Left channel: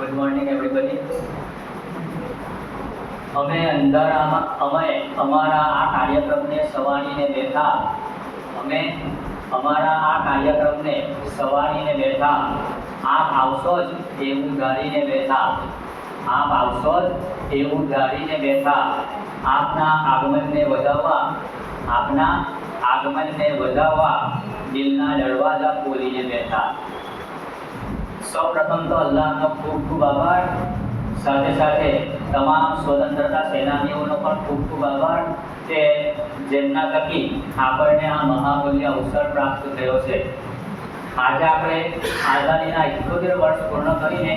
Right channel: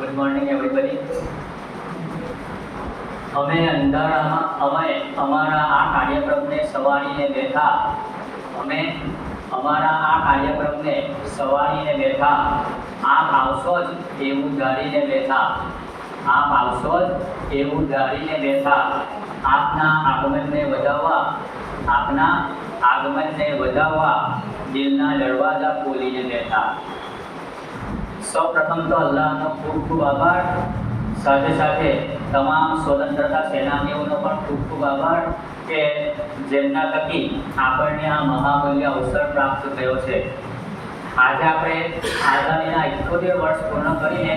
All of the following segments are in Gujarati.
Good morning everybody. અમે અમારા આ કાર્યક્રમને સવારીને બેઠા આપ આવશો જ એવું ધારીને બેઠા આપના આગમનને વધાવવા દિલના દરવાજા ખોલીને બેઠા. સૌપ્રથમ તો અલ્લાહનો ખૂબ ખૂબ આભાર. સાથે સાથે તમામ સ્વતંત્રતા સેનાનીઓનો પણ ખૂબ ખૂબ આભાર કે જેમના થકી આપણને આ મહામૂલ્ય અવસર પ્રાપ્ત થયો છે. આજે આપણે આઝાદીના 78 વર્ષ પૂર્ણ કરીને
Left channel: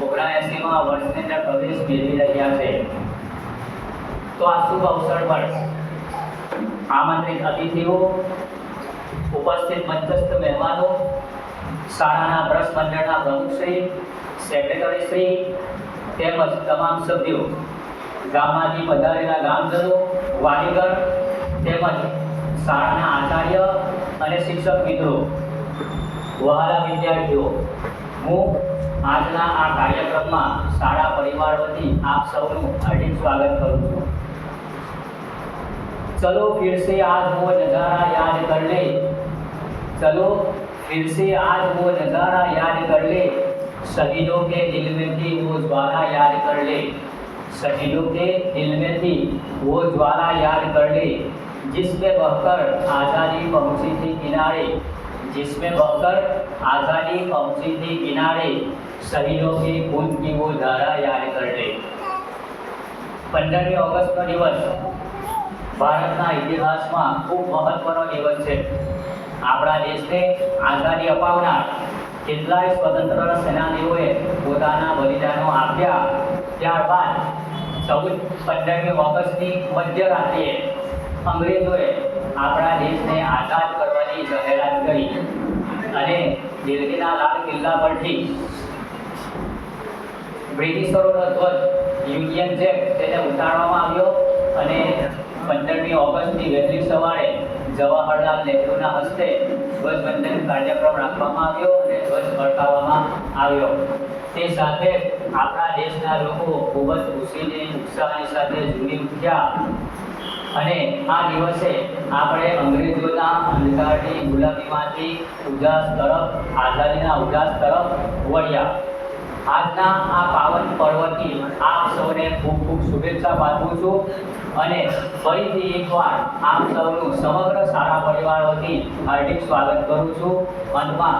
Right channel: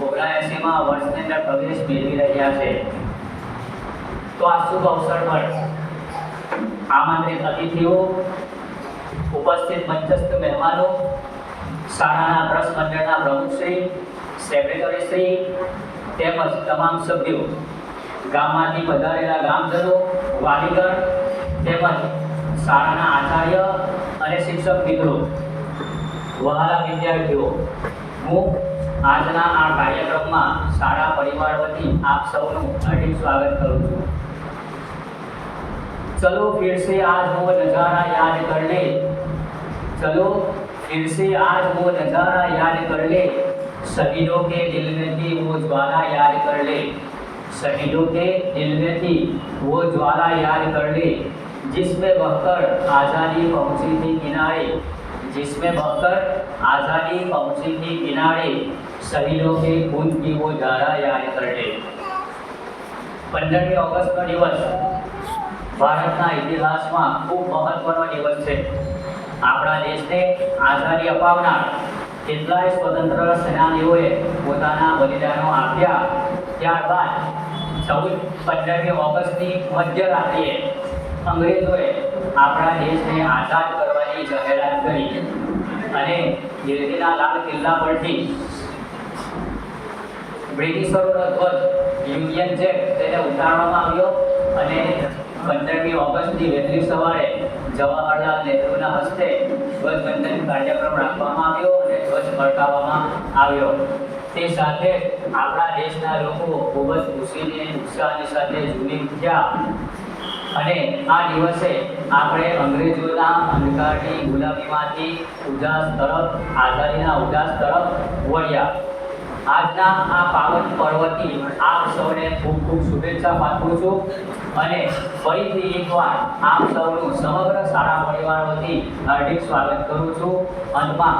79મા વર્ષની અંદર પ્રવેશ મેળવી રહ્યા છે. તો આ શુભ અવસર પર આમંત્રિત અતિથિઓ, ઉપસ્થિત મંચસ્થ મહેમાનો, શાળાના ટ્રસ્ટ મંડળના પ્રમુખશ્રી, સેક્રેટરીશ્રી તેમજ તમામ સભ્યો, ગામમાંથી પધારેલા ગામજનો, વાલીગણ તેમજ શાળાના આચાર્ય અને શિક્ષક મિત્રો, વહાલા વિદ્યાર્થીઓ, હું આજના આ કાર્યક્રમમાં શાળા પરિવાર વતી આપ સૌનું હાર્દિક સ્વાગત કરું છું. चलो फिर से आज वो नज़ारा याद कर ले, चलो फिर से आज वो नज़ारा याद कर ले, शहीदों के दिल में थी वो ज्वाला याद कर ले, शहीदों के दिल में थी वो ज्वाला याद कर ले, जिसमें बहकर आज़ादी पहुंची थी किनारे, जिसमें बहकर आज़ादी पहुंची थी किनारे, शहीदों के खून की वो धारा याद कर ले. 15મી ઓગસ્ટનો દિવસ ભારતના ઇતિહાસમાં ખૂબ મહત્વનો દિવસ છે. આપણા દેશને આઝાદી અપાવનાર કેટલાય સ્વતંત્ર સેનાનીઓએ પોતાના બલિદાનો આપ્યા. ત્યારબાદ 15મી ઓગસ્ટની મધ્યરાત્રિએ અંગ્રેજોએ આપણા દેશને આઝાદ કરવાની જાહેરાત કરી અને દિલ્હીના લાલ કિલ્લા પરથી બ્રિટિશરોનો ધ્વજ યુનિયન જેક તેને ઉતારવામાં આવ્યો અને 15મી ઓગસ્ટની વહેલી સવારે જવાહરલાલ નહેરુના હસ્તે ધ્વજવંદન કાર્યક્રમ રાખવામાં આવ્યો અને ધ્વજ ફરકાવવામાં આવ્યો. તે સાથે આપણા દેશના લોકો ખૂબ જ ખુશીને ઉત્સાહની સાથે ઝૂમી ઉઠ્યા અને આ દિવસે આપણે અંગ્રેજોના અંધકારની ગુલામીમાંથી આઝાદીના ઉજાસ તરફ વળ્યા. આજના આ પાવન પર્વથી આપ સૌને ખૂબ ખૂબ શુભેચ્છા પાઠવું છું અને ફરીથી એકવાર આપ સૌનું સમગ્ર શાળા પરિવાર વતી હાર્દિક સ્વાગત કરું છું. અંતમાં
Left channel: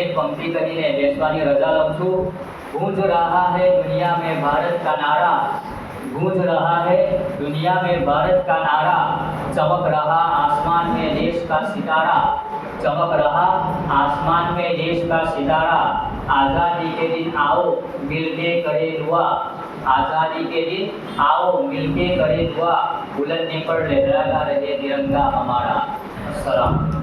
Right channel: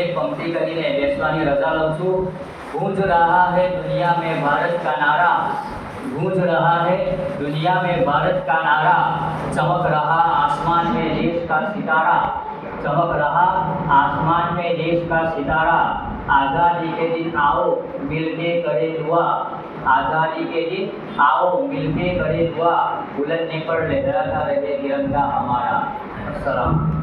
એક પંક્તિ કરીને બેસવાની રજા લઉં છું. ગૂંજ રહા હૈ દુનિયા મેં ભારત કા નારા, गूंज रहा है दुनिया में भारत का नारा, चमक रहा आसमान में देश का सितारा, चमक रहा आसमान में देश का सितारा, आज़ादी के दिन आओ मिलके करे दुआ, आज़ादी के दिन आओ मिलके करे दुआ, बुलंदी पर लहराता रहे तिरंगा हमारा. अस्सलाम.